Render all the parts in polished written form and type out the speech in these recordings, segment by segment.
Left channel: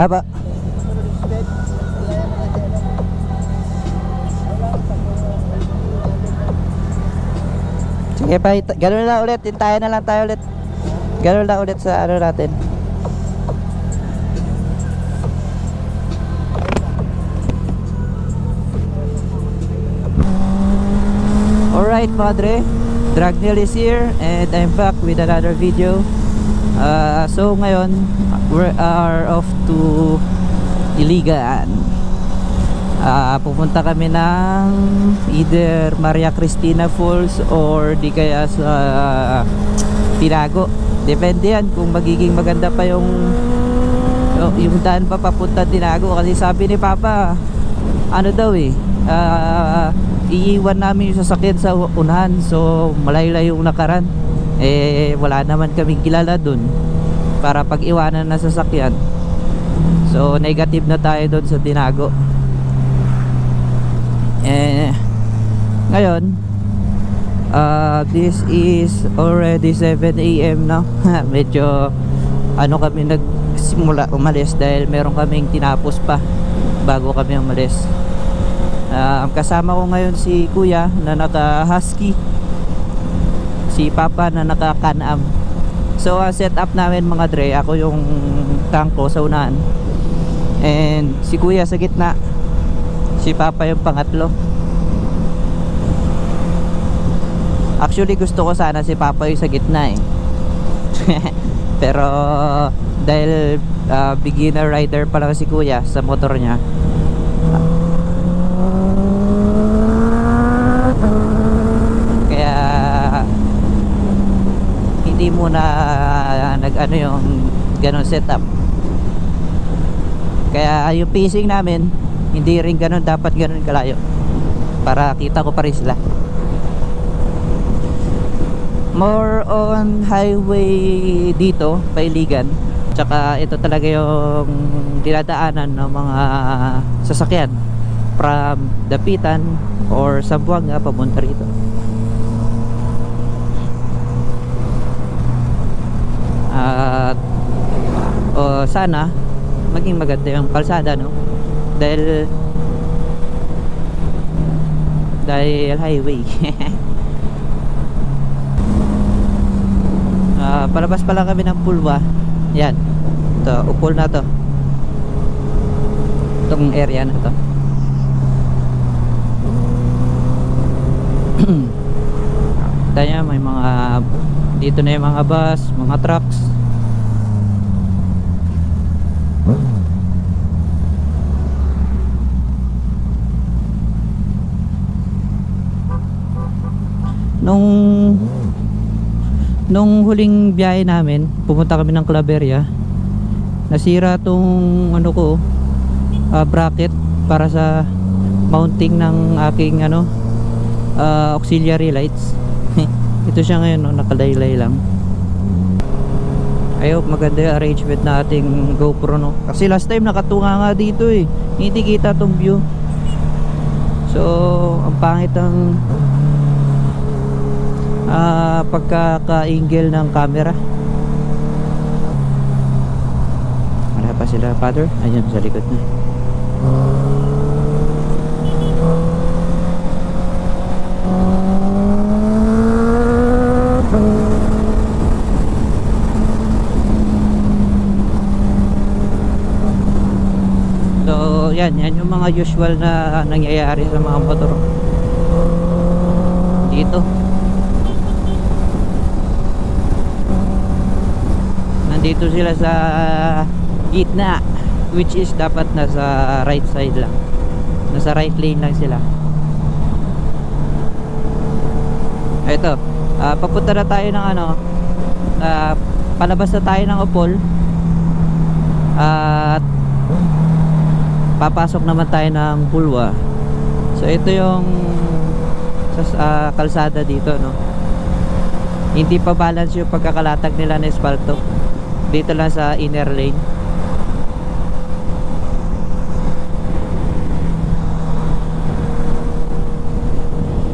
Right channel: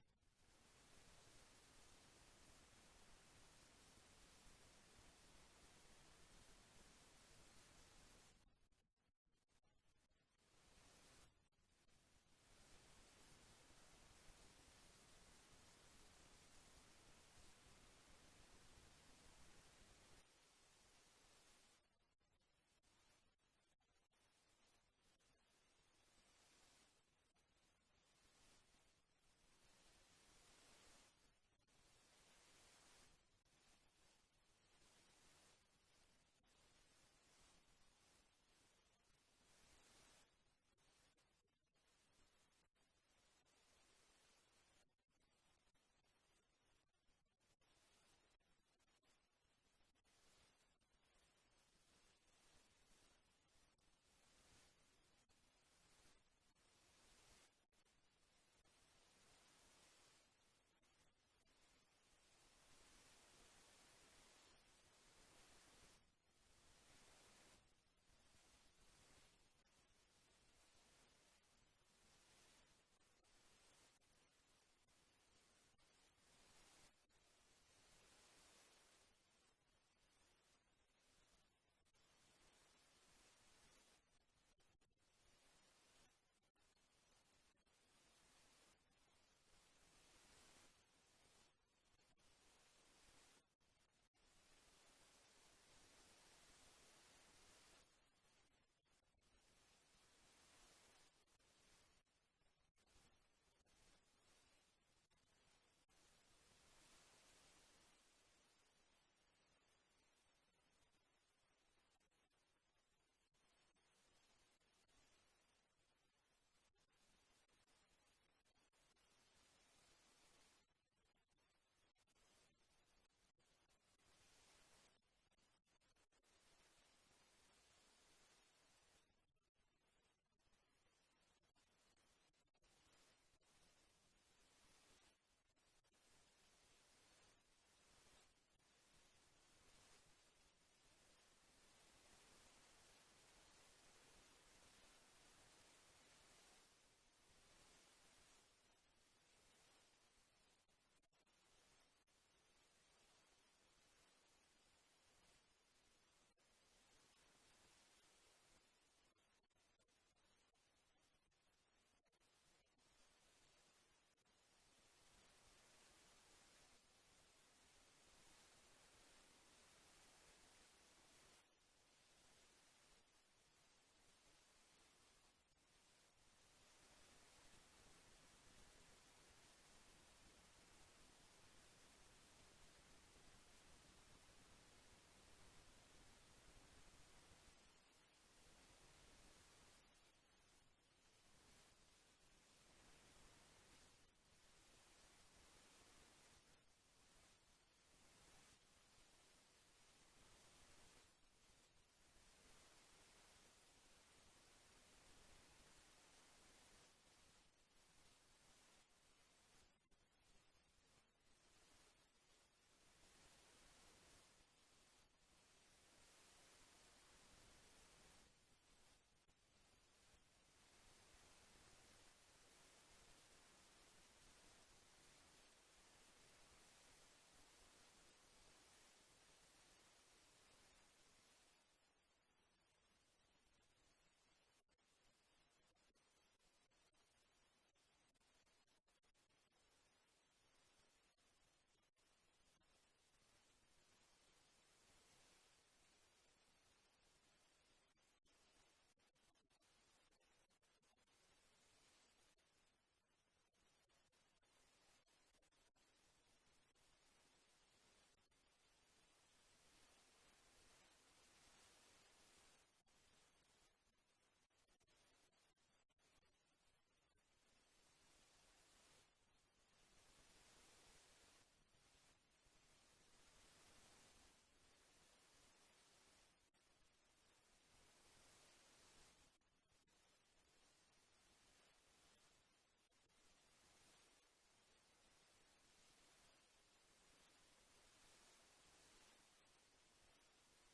Aba. Sige pa, gano'n na ulit, hintayin na lang tayo ulit. Gano'n na ulit sa ano natin. Alright mga dre, Dragneel is here and I'm back with another video. So ngayon, we are off to Iligan. Pupunta kami ng either Maria Cristina Falls or di kaya sa Tinago. Depende yan kung magiging maganda pa yung daan pa papunta Tinago. Kasi sabi ni Papa, ano daw iiwan namin yung sasakyan sa unahan. So malayo-layo yung nakaran. Wala naman kaming kilala dun para pag-iwanan na sasakyan. So negative na tayo dun sa Tinago. Ngayon this is already 7 AM now. Medyo kami nagsimula umalis dahil meron kaming tinapos pa bago kami umalis. Ang kasama ko ngayon si Kuya na naka Husky, si Papa na naka Can-Am. So set up namin mga dre, ako yung tangko sa unahan and si Kuya sa gitna, si Papa yung pangatlo. Actually gusto ko sana si Papa yung sa gitna pero dahil beginner rider pa lang si Kuya sa motor niya, kaya hindi muna nag-ano yung ganun setup. Kaya yung pacing namin hindi rin ganun, dapat ganun kalayo para kita ko pa rin sila. More on highway dito, Pailigan. Tsaka ito talaga yung dinadaanan ng mga sasakyan from Dapitan or Zamboanga papunta rito. At sana maging maganda yung kalsada, no? Dahil highway. Palabas pa lang kami ng Pulwa. Yan, ito, upol na to, itong area na to. Kita nyo, may mga dito na yung mga bus, mga trucks. Nung huling biyahe namin, pumunta kami ng Claveria, nasira tong bracket para sa mounting ng aking auxiliary lights. Ito siya ngayon, nakalaylay lang. I hope maganda yung arrangement na ating GoPro, no? Kasi last time nakatunga nga dito hindi kita tong view. So ang pangit ang pagkaka-angle ng camera. Wala pa sila, Father? Ayan sa likod na. So yan yung mga usual na nangyayari sa mga motor dito. Nandito sila sa gitna, which is dapat nasa right side lang, nasa right lane lang sila. Ito, papunta na tayo ng palabas na tayo ng Upol at papasok naman tayo ng Pulwa. So ito yung kalsada dito, no? Hindi pa balance yung pagkakalatag nila ng espalto. Dito lang sa inner lane.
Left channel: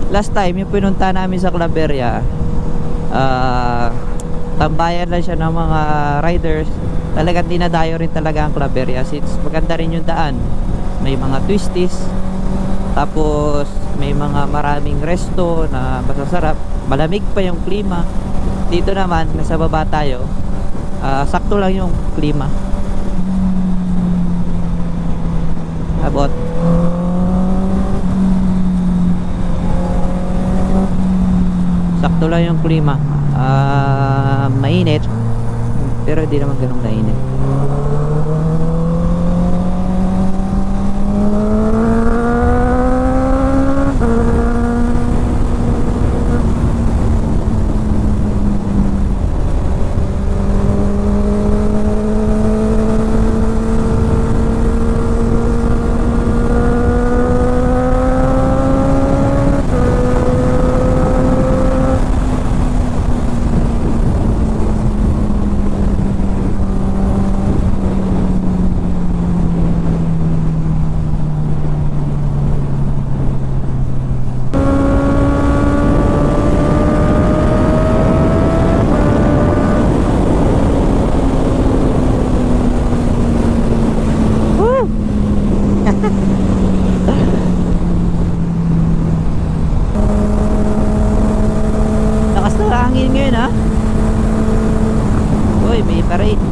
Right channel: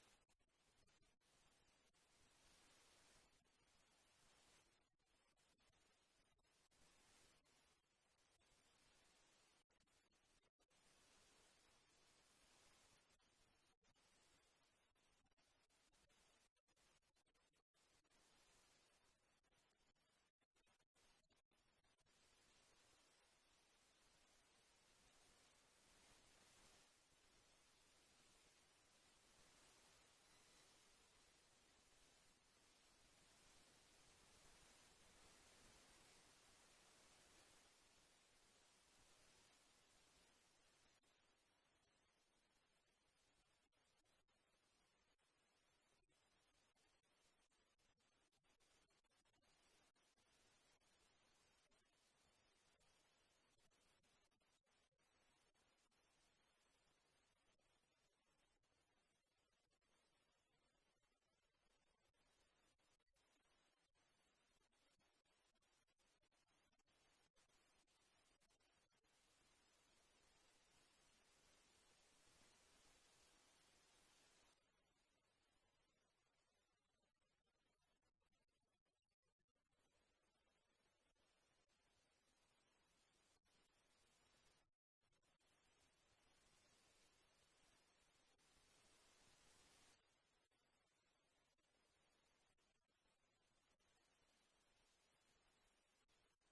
Last time yung pinunta namin sa Claveria, tambayan lang siya ng mga riders. Talagang dinadayo rin talaga ang Claveria. Since maganda rin yung daan, may mga twisties, tapos may mga maraming resto na masasarap, malamig pa yung klima. Dito naman nasa baba tayo, sakto lang yung klima. Abot sakto lang yung klima. Mainit pero hindi naman ganun kainit. Lakas ng hangin ngayon ha. Uy, may parade.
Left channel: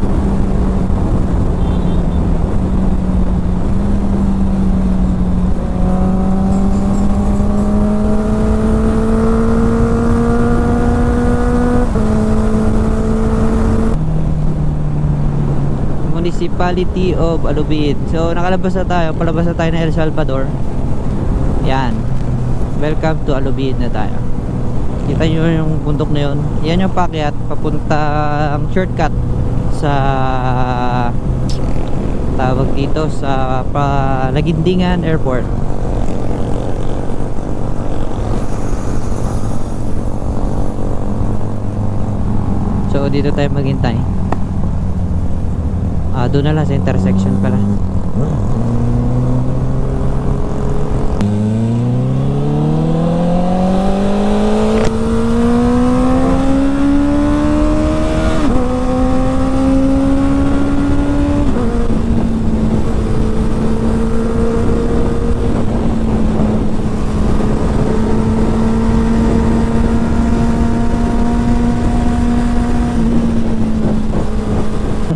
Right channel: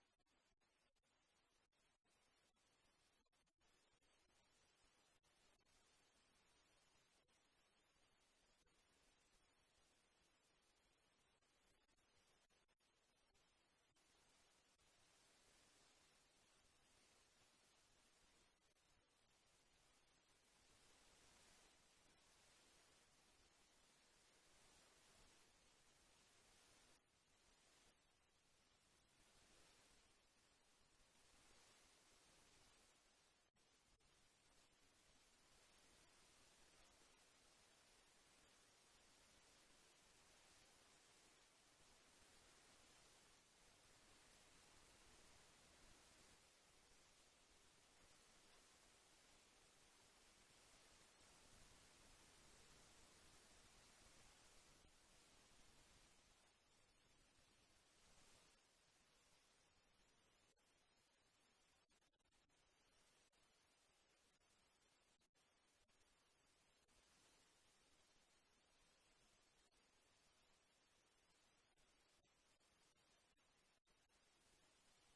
Municipality of Alubid. So nakalabas na tayo, palabas na tayo ng El Salvador. Yan. Welcome to Alubid na tayo. Kita nyo yung bundok na yun. Yan yung paakyat papunta ang shortcut sa tawag dito sa Lagindingan Airport. So dito tayo maghintay. Doon na lang sa intersection pala.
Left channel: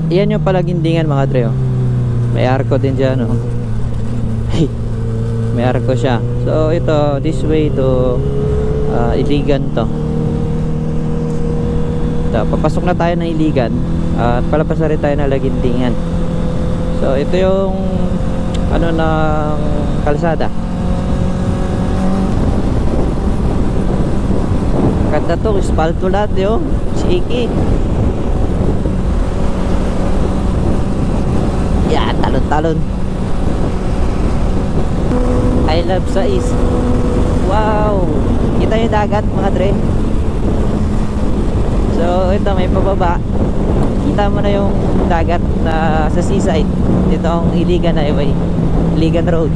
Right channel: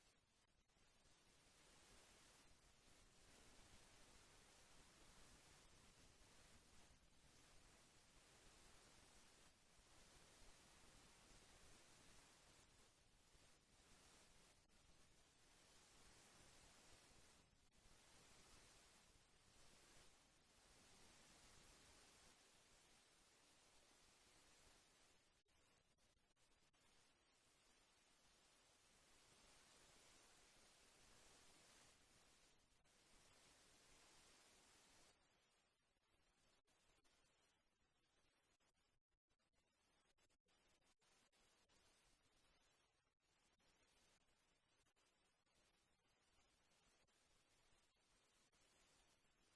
Yan yung Palagindingan mga dre, oh. May arko din dyan, oh. Hey, may arko siya. So ito, this way to Iligan to. Ito, papasok na tayo ng Iligan at palabas na rin tayo ng Lagindingan. So ito yung ano ng kalsada. Ganda to, espalto lahat, yo. Siki. Yeah, talon-talon. I love Sais. Wow, kita yung dagat mga dre. So ito may pababa. Kita mo na yung dagat na sa seaside. Dito ang Iligan Highway, Iligan Road.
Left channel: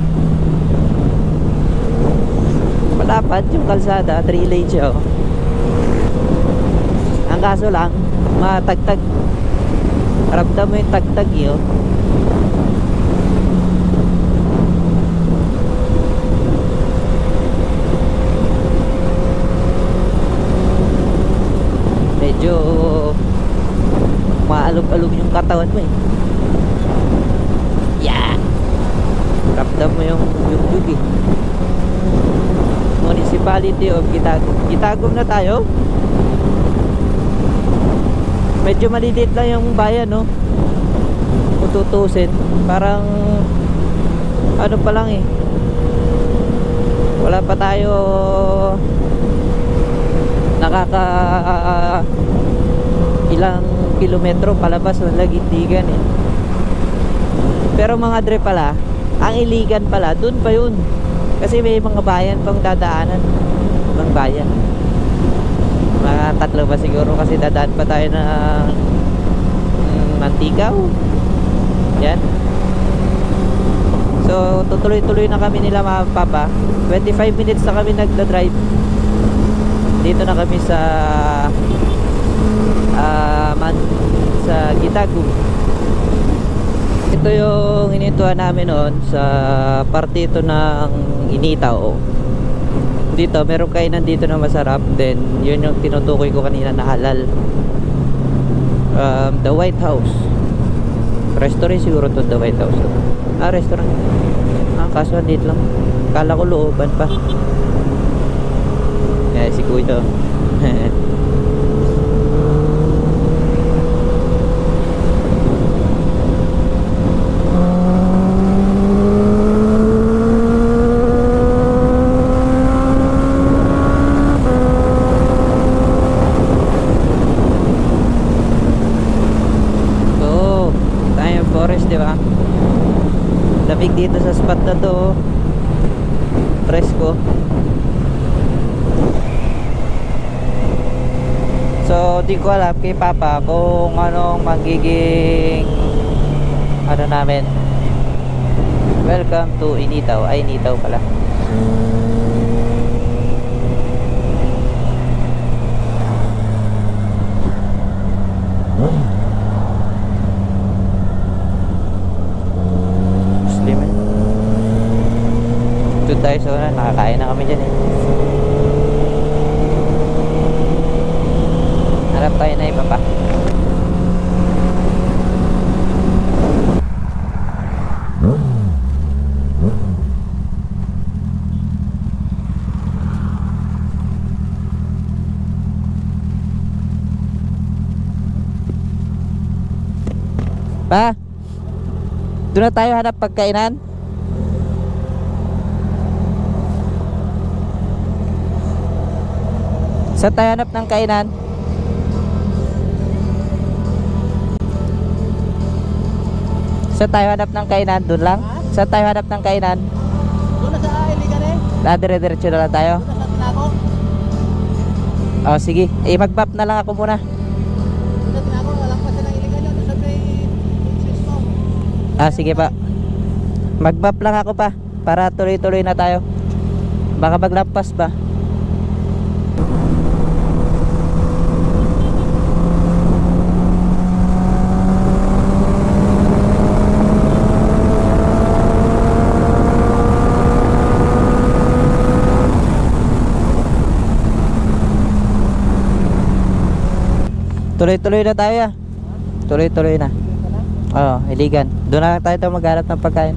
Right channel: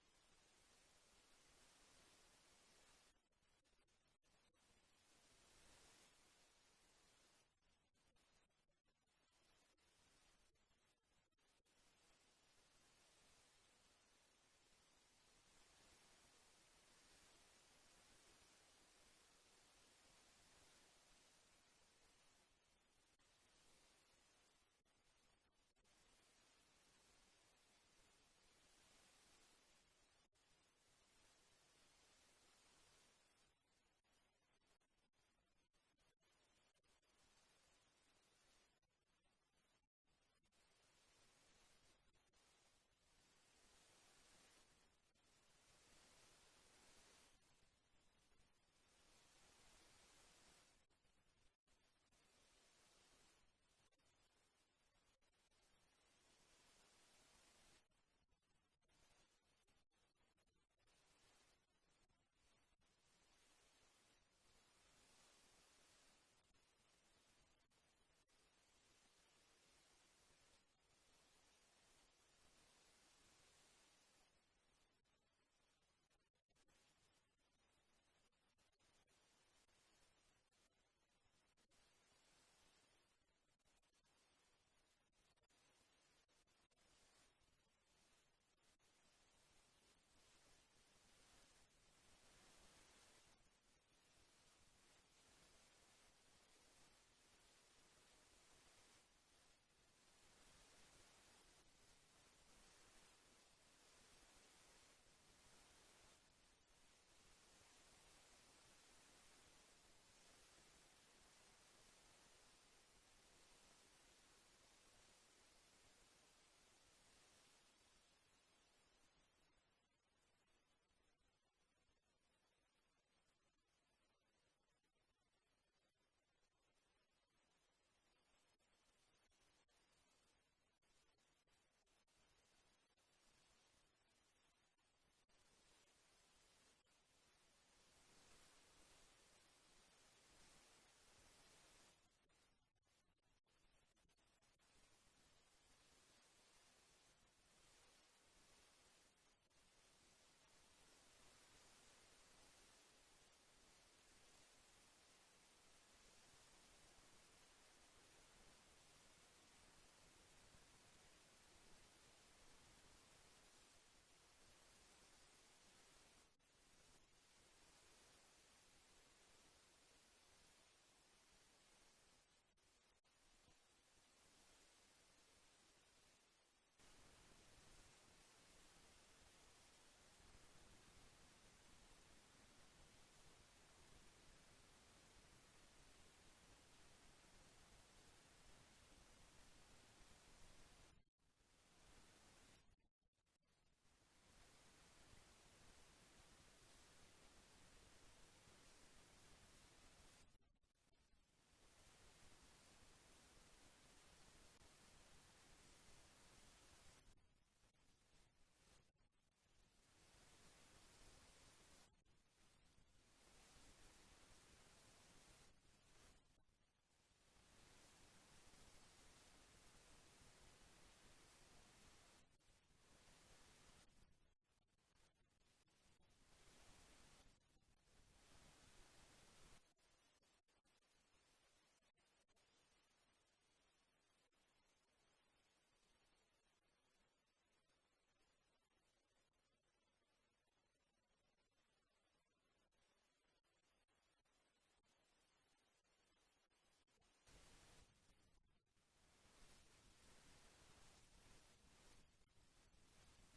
Malapad yung kalsada, 3 lanes siya, oh. Ang kaso lang, matagtag. Ramdam mo yung tagtag yun. Medyo maalog-alog yung katawan mo, eh. Yeah. Ramdam mo yung yug, eh. Municipality of Kitagum. Kitagum na tayo. Medyo malilit lang yung bayan, no? Kung tutusin, parang ano pa lang, eh. Wala pa tayo nakaka ilang kilometro palabas ng Lagindingan, eh. Pero mga dre pala, ang Iligan pala, dun pa yun. Kasi may mga bayan pang dadaanan ng bayan. Mga 3 ba siguro, kasi dadaan pa tayo ng Mantigaw. Yan. So tutuloy-tuloy na kami nila mga papa. 25 minutes na kami nagda-drive. Dito na kami sa sa Gitagum. Ito yung inintuan namin noon sa parte ito ng Initaw. Dito meron kainan dito na masarap, then yun yung tinutukoy ko kanina na halal. The White House restaurant siguro to, The White House. Restaurant. Kaso dito lang, kala ko looban pa. Si Kuya. Forest, di ba? Lamig dito sa spot na to. Presko. So, di ko alam kay Papa kung anong magiging ano namin. Welcome to Initaw. Ay, Initaw pala. Tayo sa una, nakakain na kami dyan eh. Harap tayo na iba pa. Pa, doon na tayo hanap pagkainan. Saan tayo hanap ng kainan? Saan tayo hanap ng kainan? Doon lang? Saan tayo hanap ng kainan? Doon na sa Iligan eh. Dire-diretso na lang tayo? Doon na sa Tinaco. Oh, sige. Mag-bap na lang ako muna. Doon sa Tinaco, walang pa siya ng Iligan yun. Doon sa may Swiss mo. Sige pa. Mag-bap lang ako pa para tuloy-tuloy na tayo. Baka maglampas pa. Tuloy-tuloy na tayo ya. Tuloy-tuloy na. Oo, Iligan. Doon na lang tayo maghanap ng pagkain.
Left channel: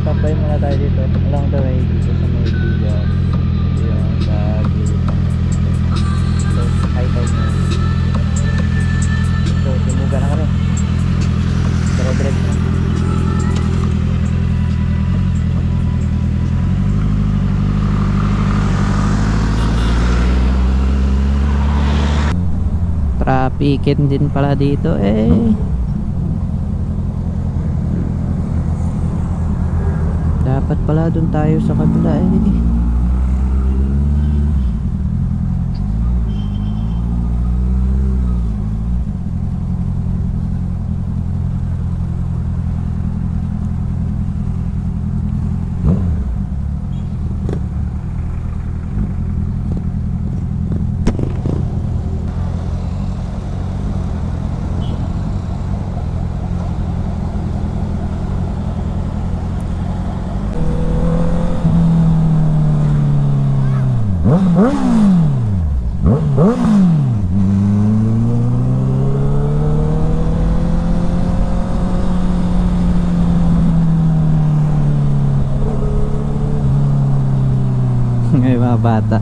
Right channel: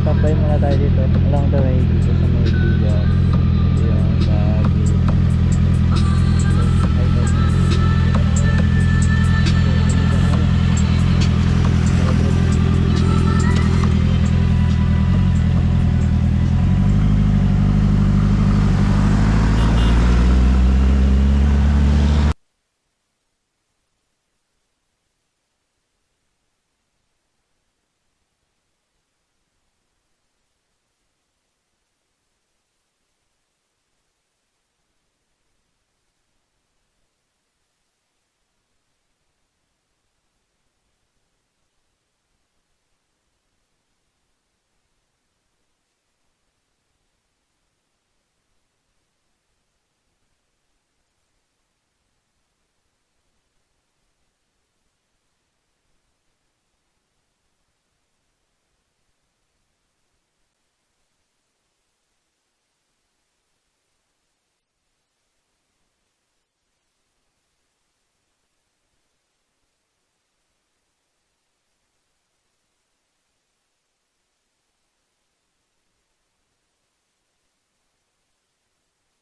Stop-by muna tayo dito along the way dito sa may Iligan, yung sa gilid so high tide na so tumuga na kami dire-diretso trafficin din pala dito eh. Dapat pala doon tayo sa kabila eh. May mga bata.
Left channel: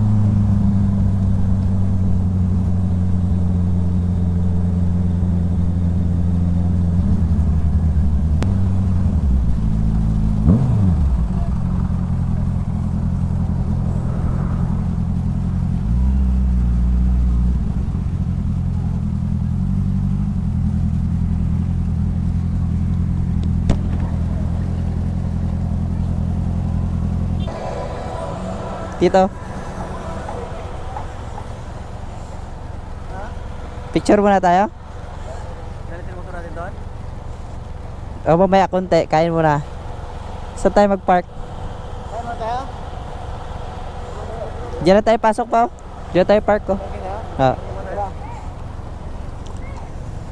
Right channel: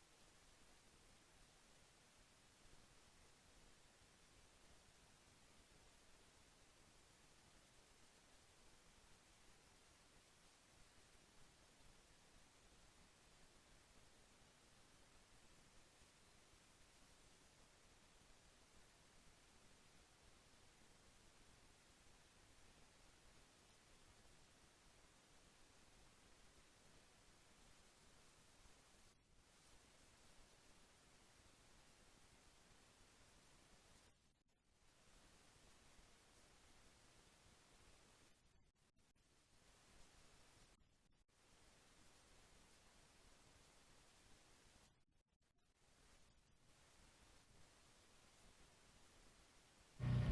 Dito. Picture muna tayo. Galitin mo natin doon? O mamaya konti, kain muna. Saan tayo mag-park? Kaya mo tayo? Diyan na tayo pasok pa. Diyan tayo park ko. Okay na? Ah.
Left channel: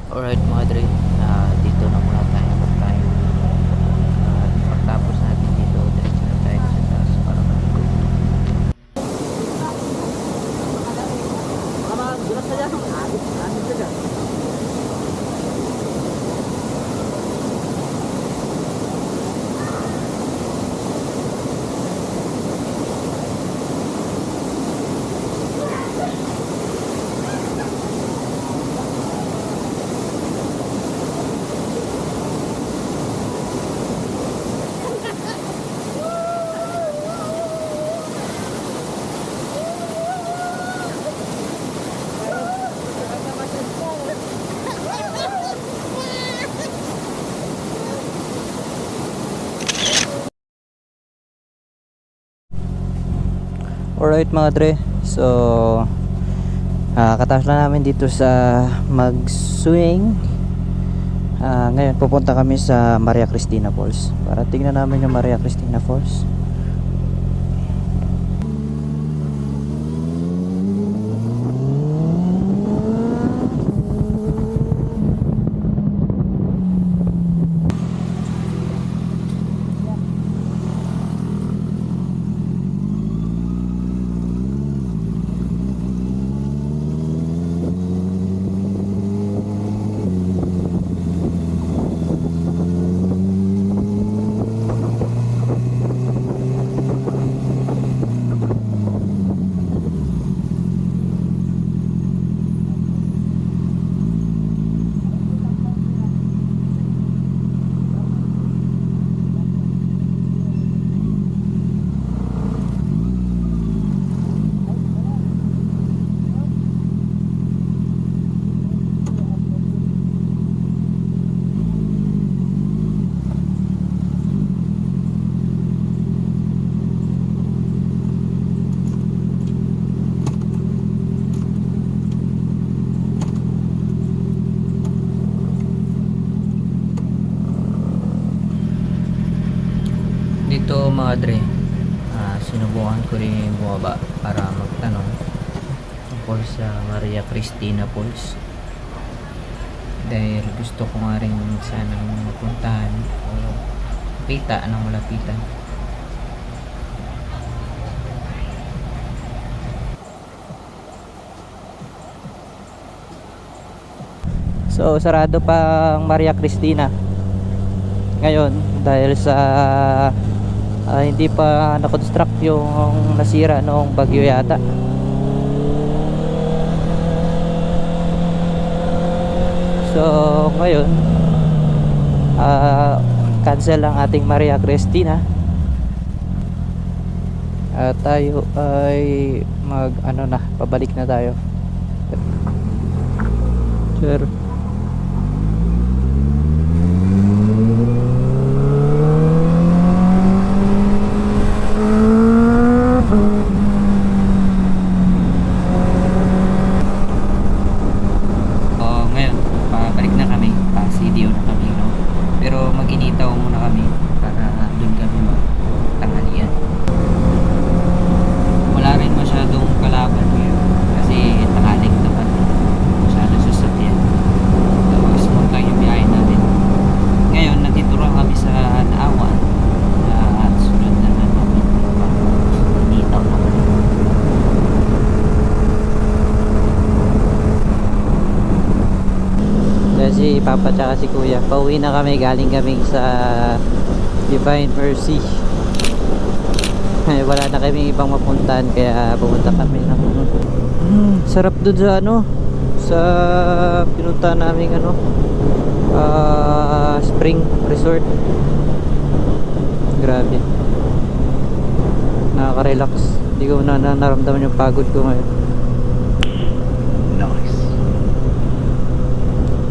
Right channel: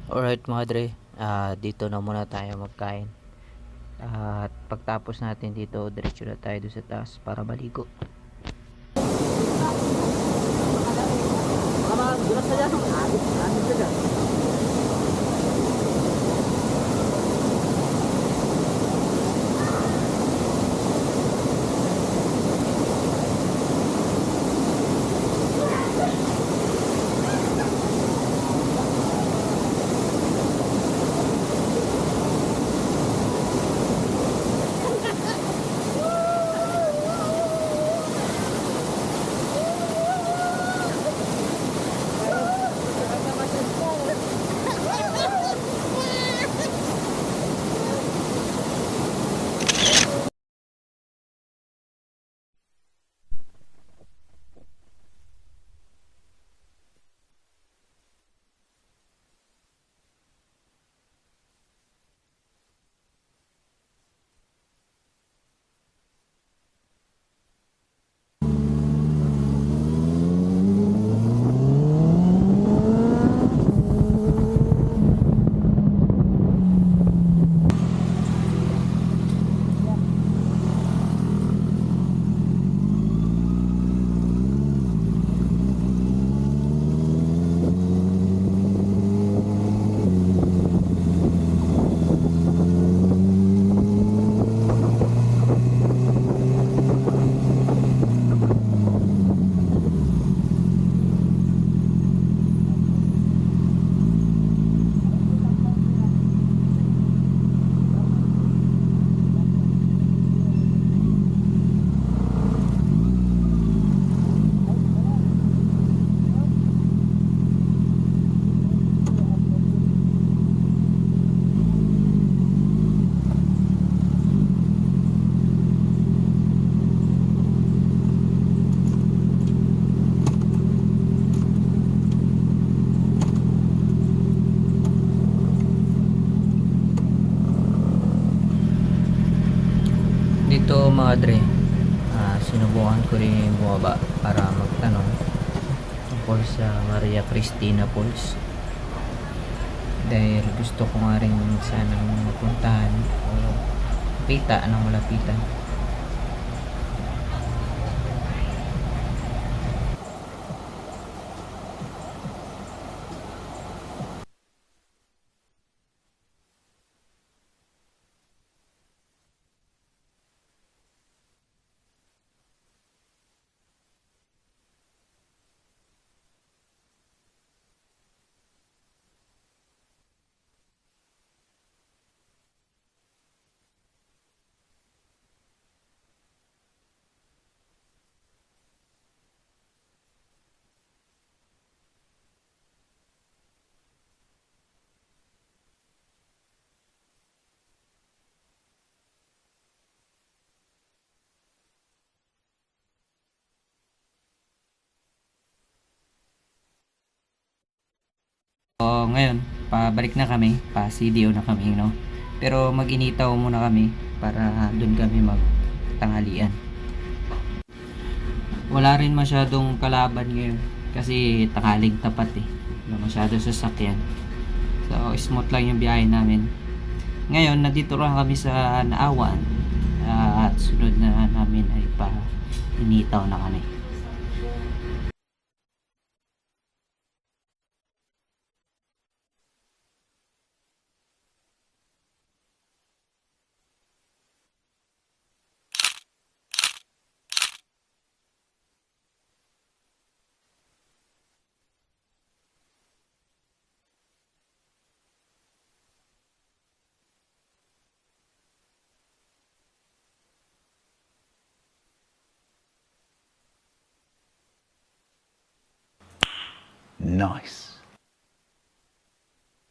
Alright mga dre, dito na muna tayo magkain. At pagtapos natin dito, diretso na tayo sa taas para maligo. Dulas na dyan. Adik na dyan. Alright mga dre, so katapos na namin dito sa mag-swing. Ngayon pupunta kami sa Maria Cristina Falls para tingnan namin yung Maria Cristina Falls. Dito mga dre, sinubukan ko rin bumaba para magtanong tungkol sa Maria Cristina Falls dahil gusto ko nga rin sanang mapuntahan o kita ng malapitan. So sarado pa ang Maria Cristina ngayon dahil sa hindi pa na-construct yung nasira noong bagyo yata. So ngayon cancel ang ating Maria Cristina at tayo ay pabalik na tayo. Sir, ngayon pabalik na kami, pa-CDO na kami, no? Pero mag-initaw muna kami para doon kami magtanghalian. Wala rin masyadong kalaban ngayon kasi tanghaling tapat masyadong sasakyan, so smooth lang yung biyahe namin. Ngayon nandito lang kami sa Naawan at sunod na namin ay pa-initaw na kami. Si Papa tsaka si Kuya, pauwi na kami, galing kami sa Divine Mercy. Wala na kami ibang mapuntahan kaya pumunta kami ng sarap doon sa sa pinunta namin Spring Resort. Grabe, nakaka-relax, hindi ko na naramdaman yung pagod ko ngayon. Nice,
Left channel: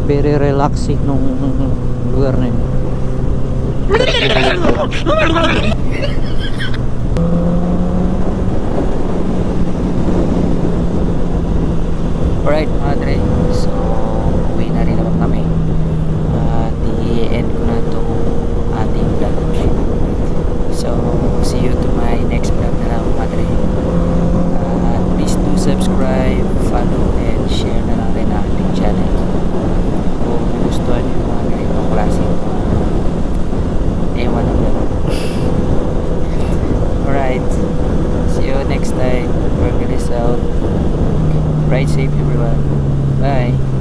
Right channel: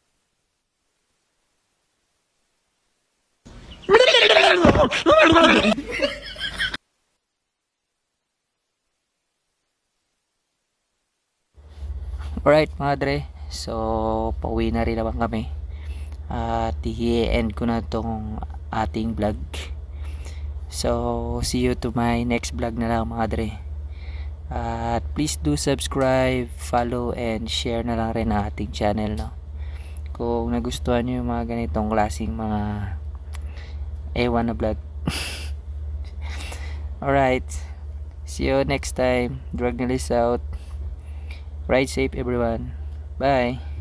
very relaxing nung lugar na yun. Alright mga dre, so uwi na rin naman kami at i-end ko na itong ating vlog. So see you to my next vlog na lang mga dre. At please do subscribe, follow and share na lang rin ang ating channel kung nagustuhan nyo yung mga ganitong klaseng mga ewan na vlog. Alright, see you next time. Bergelis out. Ride safe everyone. Bye.